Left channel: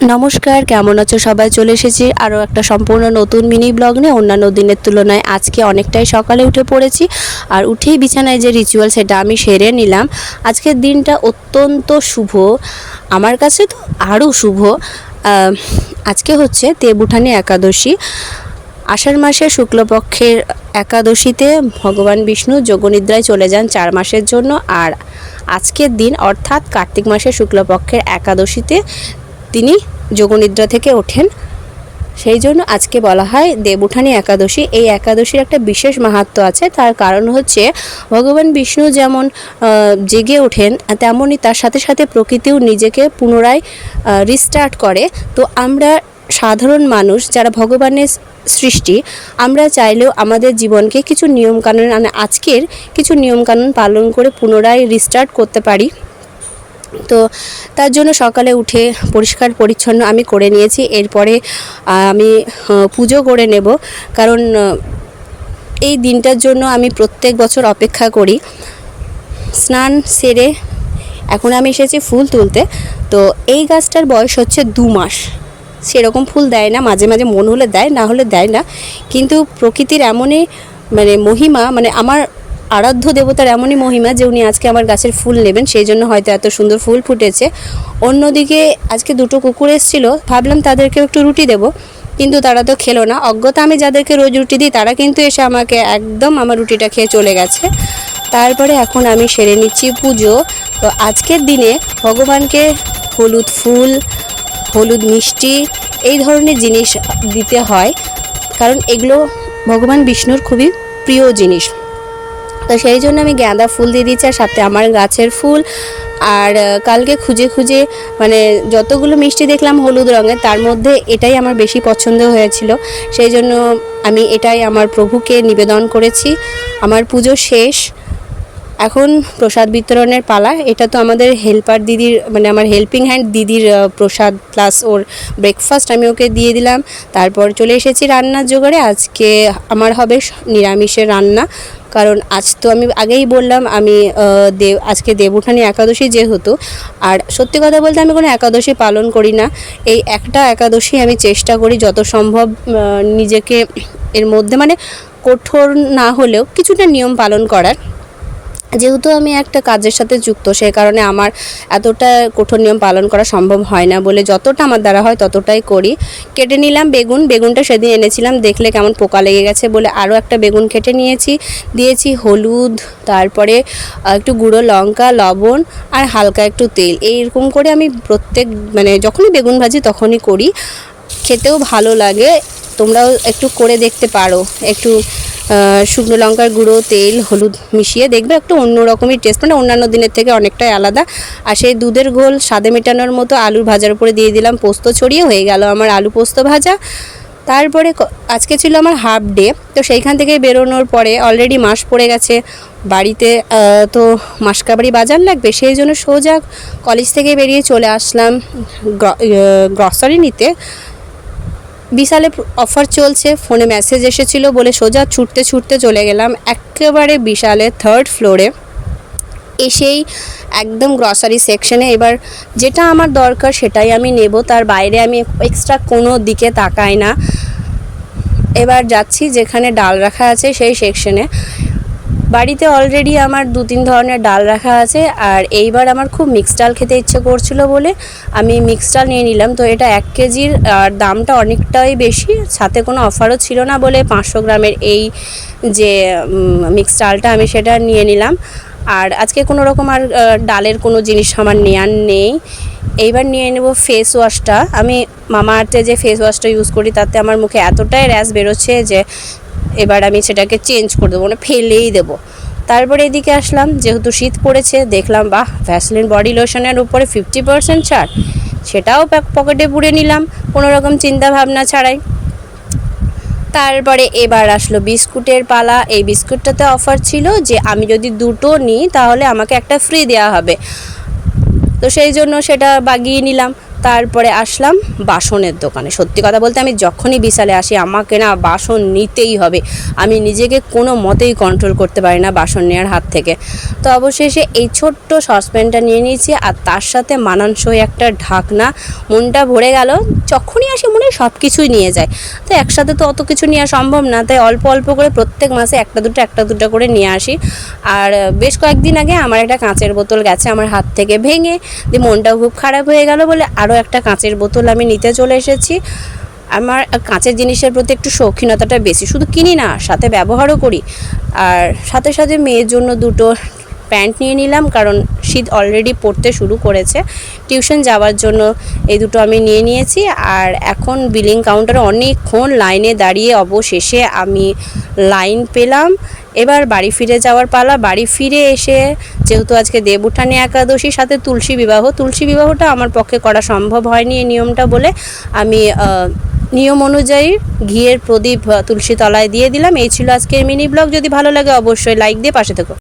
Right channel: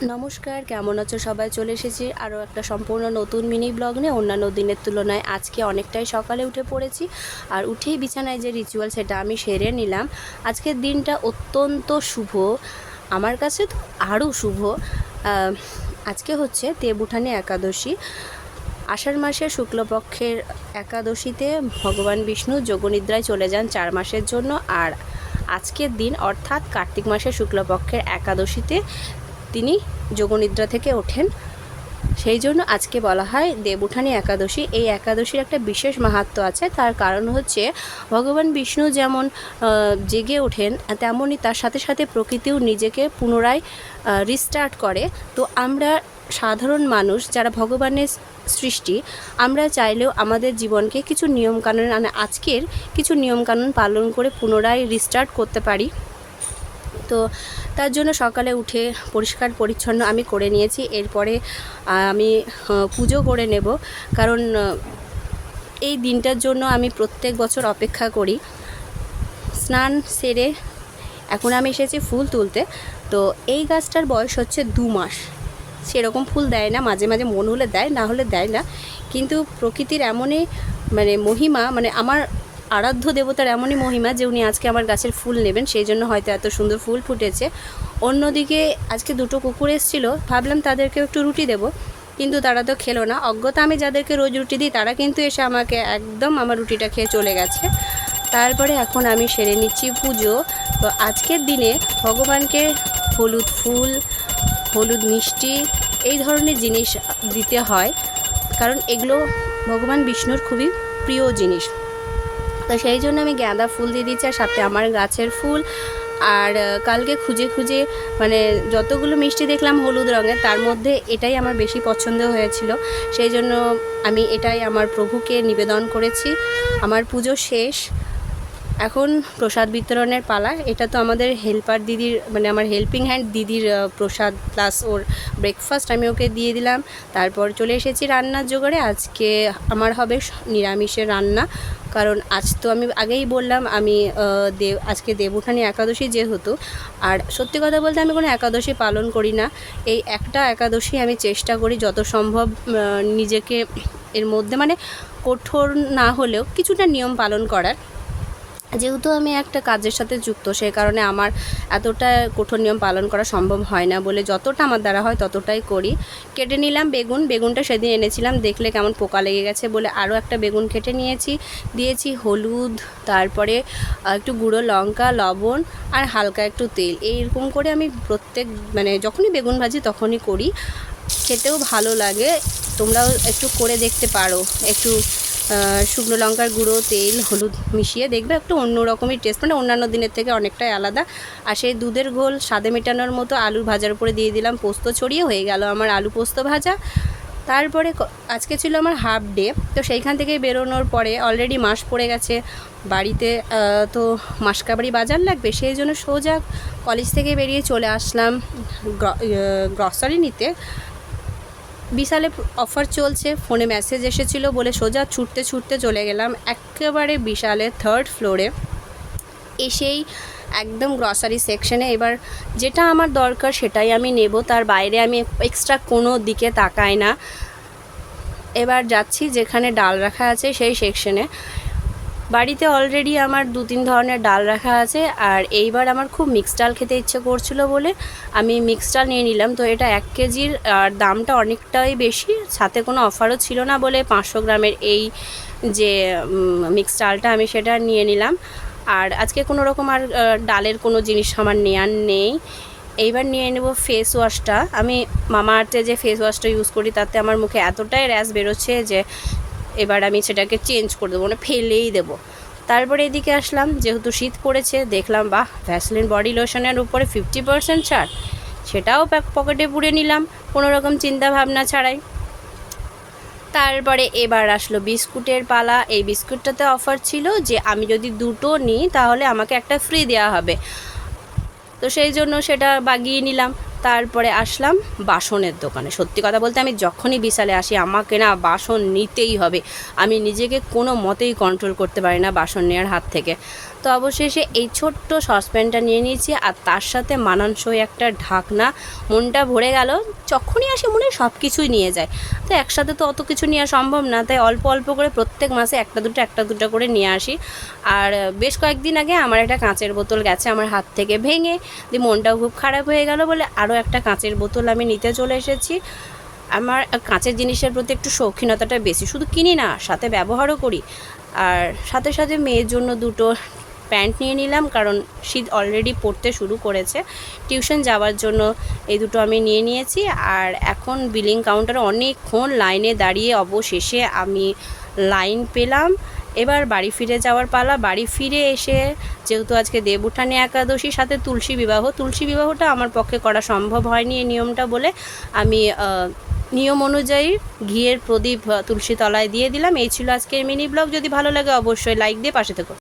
নমস্কার, কেমন আছো সবাই? চলে এসেছি আরও একটা সম্পূর্ণ নতুন মিনি ব্লগ নিয়ে। অন্যান্য দিনের তুলনায় আজকে অনেকটাই সকালে উঠে পড়েছি আর উঠেই বিছানায় যে রিচুয়াল সেটা আমি সেরে নিলাম। আজকের দিনটা অত্যন্ত শুভ। আমার কাছে তো আরও শুভ। আজকে হচ্ছে দেবুঠানি একাদশী। আষাঢ় মাসের শুক্লপক্ষের একাদশীতে ভগবান বিষ্ণু যোগনিদ্রায় চলে যান চার মাসের জন্য। আর আজকের দিন অর্থাৎ কার্তিক মাসের শুক্লপক্ষের একাদশীতে তিনি যোগনিদ্রা থেকে ওঠেন। সেই জন্য আজকে বলা হয় দেবউঠানি একাদশী। এই একাদশীর একটা বিশেষ মাহাত্ম্য আছে। তার কারণ হচ্ছে ভগবান বিষ্ণু যেমন জেগে ওঠেন তেমনই তার সাথে সাথে প্রকৃতিও নিজেকে পুনরায় রিস্টার্ট করে। তো আমরা সাধারণ মানুষ যারা ভগবানের সৃষ্টি, আমরা চাইলেও আমাদের জীবনকে কিছু নিয়মকানুন মানে আজকের কিছু নিয়মকানুন পালন করে পুনরায় রিস্টার্ট করতে পারি। তো তার জন্য সকালে উঠে পরিষ্কার পরিচ্ছন্ন আমি করে নিয়েছি। এরপরে আমি পুজো করে নেব। কারণ এই দিনটার জন্য আমি প্রত্যেক বছর অপেক্ষা করি। স্নান সেরে এখন আমি এসেছি ফুল তুলতে। তো এই গাছটার বয়স হচ্ছে দু মাস। সেরকম ফুল দেয় না, মাঝে মাঝে মন হলে দেয়, না হলে দেয় না। কিন্তু প্রকৃতির এমনই মানে মহিমা মানে আমার আরাধ্য দেবতার এমনই মহিমা যে উনি আজকে আমার গাছের ফুল নেবেন, সেই জন্য হয়তো এত সুন্দর ফুল ফুটেছে। অন্যদিকে আজকে দুটো কুকুর এসেছিল, ভাবলাম তাদেরকে একটু রুটি দেবো, কিন্তু তারা তো খেলো না। অজ্ঞতা আমি যাদেরকে রোজ রুটি দিই, তারা কিন্তু এসে আমাকে একদম আমার রুটিটা খেয়ে চলে গেছে। তারপরে এখন আমি সেরে নিচ্ছি পুজো। তো আজকের দিনে ভগবানকে হলুদ ফুল, হলুদ মিষ্টি, এই ধরনের জিনিস দিতে হয়, কারণ এগুলো ভগবান বিষ্ণুর খুবই প্রিয় জিনিস। তো সেই জন্য আমি গাঁদা ফুল দিয়ে দিচ্ছি আর সাথে আমার গাছের ফুল। আর কালকে খুঁজে খুঁজে মানে যতগুলো মিষ্টি দেখলাম হলুদ রঙের, তার মধ্যে এটাই আমার বেশি পছন্দ হয়েছিল। সেই জন্য আমি এটাই আমার প্রভুকে নিবেদন করেছি। আমার পুজো শেষ। এখন প্রসাদ বিতরণের পালা। এটা তো আমাদের হেল্পার দিদির মানে আমার হেল্পিং হ্যান্ড দিদির প্রসাদ প্লাস ওর ব্রেকফাস্ট আমি ওকে দিয়ে দিলাম। তারপর চলে এসেছি রান্নার জোগাড়ে। আজকে আমার হবে নিরামিষের রান্না। কারণ আজ তো আমি আগেই বললাম, আমি দেব, আজকে দেবউঠানি একাদশী যেহেতু, আর সত্যি কথা বলতে আমি কোনো একাদশী পালন করি না। এই একটা একাদশী আমি চেষ্টা করি যত সম্ভব নিজেকে এর মধ্যে মানে কঠোর না হলেও কিছুটা নিয়ম পালন করার। যেহেতু আমি একটা কাজের সাথে যুক্ত সেই কারণে আমার এতটা কঠোর নিয়ম পালন করা সম্ভব হয় না বলে যতটা আমার দ্বারা হয় ততটাই করি। কেটে নিলাম বেগুন, বেগুনটা সেদিন এনেছিলাম, দেখলে কেমন পোকা লেগে গেছে বলে আরও একটা বেগুন কেটে নিয়েছি। দিয়েছি হলুদ, তারপরে একটু গুঁড়ো লঙ্কা, লবণ আর হালকা একটু তেল। এইরকম করে আমি প্রত্যেক মানে যখনই বেগুন ভাজি তখনই করি। খেতেও ভালো লাগে, তোমরাও একটু করে দেখতে পারো। একটু শুকনো লঙ্কার গুঁড়ো, তেল, হলুদ মিশিয়ে দেখবে একটু অন্য রকমই টেস্ট মানে অন্যান্য দিনের থেকে অনেকটাই আলাদা। আর সেই দুধের ঘোল স্বাদে মেটানোর মতো আলুর ভাজার উপরে দিয়ে দিলাম পোস্ত ছড়িয়ে, হয়ে গেল আমার আলু পোস্ত ভাজা। তারপরে আজকে ছিল আমার হাফ ডে তো সেইখান থেকে বেরোনোর পরে অলরেডি মাস পড়ে গেছে। বাড়িতে তো মাসকাবাড়ি বাজার লাগবে, সেই জন্য সোজা কলেজ থেকে বেরিয়ে চলে আসলাম গ্রসারি নিতে। বিশালে অফার চলছে ফোনে মেসেজ এসেছিল বলে সোজা ছুটতে ছুটতে চলে গেলাম একেবারে বিশালে থার্ড ফ্লোরে এসেই একদম গ্রসারি সেকশনে এবার যেটা আমার দরকার সেটাই আমি নেব, তার বাইরে আমি এক্সট্রা কোনো দিকে তাকাই না। এবার যাচ্ছি যেখানে ডাল রাখা আছে সেই সেকশনে বাড়িতে অলরেডি আমার দু তিন ধরনের ডাল রাখা আছে, আর এইবার আমার খুব মিক্স ডাল খেতে ইচ্ছে করছিল বলে আমি মিক্স ডাল নিয়ে নিলাম। তো এটা এক কেজির, আর দামটা অনেকটাই বেশি, সাথে কোনো অফারও ছিল না বলে পাঁচশো গ্রামের এই যে মিক্স ডালটা আমি সেটা নিয়ে নিলাম। আর আজকে কোনো রকম আর ডালের কোনো জিনিস আমার নেওয়ার নেই। এইবার নিয়ে নেব ফেস ওয়াশটা আমি মামা আর্থে যে ফেস ওয়াশটা ইউজ করি, তাতে আমার মুখে এতটাই র্যাশ বেরোচ্ছে যে এবার আমি সেটাকে চেঞ্জ করে দেবো মানে ফেলেই দেবো। তারপরে এদিকে আসলাম, যেহেতু শীত পড়েছে, দেখলাম, বাহ ভ্যাসলিন বডি লোশনের উপরে ফিফটি পার্সেন্ট ছাড়। সেটাও পকেটে পুড়ে নিলাম, কোনো রকম চিন্তা ভাবনা ছাড়াই। তারপরে এবার আসলো বিস্কুটের পালা। এই বিস্কুটটাতে অফার ছিল যে, আমি যদি দুটো নিই, তাহলে আমাকে একটা ফ্রি দেওয়া হবে। তো সেই জন্য সেটা বাগিয়ে নিলাম। তারপরে আসলাম বাসনের দোকানে। সত্যি কথা বলতে আমি যখনই বিশালে আসি, আমাকে না বাসন নিতেই হবে। আমি নিজেকে কোনো মতেই কন্ট্রোল করতে পারি না বাসন নেওয়ার হাত থেকে। তো অবশেষে এই ছোট্ট সসপ্যানটা নিয়ে নিয়েছি আর তার সাথে মানানসই একটা ঢাকনা, মনটা ভরে গেল। যখনই আসি মনে সব কিছুই নিয়ে যায়। তো একসাথে তো অত কিছু নেওয়া সম্ভব না, তাই অল্প অল্প করে প্রত্যেক মাসে একটা দুটো একটা দুটো করে নিয়ে আসি। আর বেশ কয়েকদিন আগে আমার একটা কাঁচের বোতল গেছে আমার হাত থেকে ভেঙে, দিয়ে মনটাও খুব খারাপ হয়ে গেল বলে আরও একটা কাঁচের বোতল আমি নিতে চলে এসেছি। আমার কাঁচের জিনিসের প্রতি একটু শৌখিনতাটা বেশি। শুধু কিনি না, সাথে ব্যবহারও করি। আর সাথে সাথে মেয়ের জন্য দুটো প্যান্ট নিয়ে নিলাম, কারণ শীত অলরেডি পড়তে শুরু করেছে। টিউশন যাওয়ার জন্য এই দুটো আমি নিয়ে নিয়েছি। আর এখন বিলিং কাউন্টারে অনেকক্ষণ লাইনে দাঁড়িয়ে অবশেষে আমি লাইন পেলাম। এবার বাড়ি ফিরে যাওয়ার পালা, বাড়ি ফিরে এসে যেহেতু আজকে দেবউঠানে একাদশীর সাথে তুলসী বিবাহ। তুলসী বিবাহটা আমার পক্ষে করা সম্ভব হয়নি এই নিয়মটা বলে আমি নিয়ম অনুযায়ী ঘিয়ের প্রদীপ তুলসী তলায় দিয়ে দিলাম। এই ছিল আজকের মিনি ব্লগ। যদি ভালো লাগে অবশ্যই লাইক দিয়ে পাশে থেকো।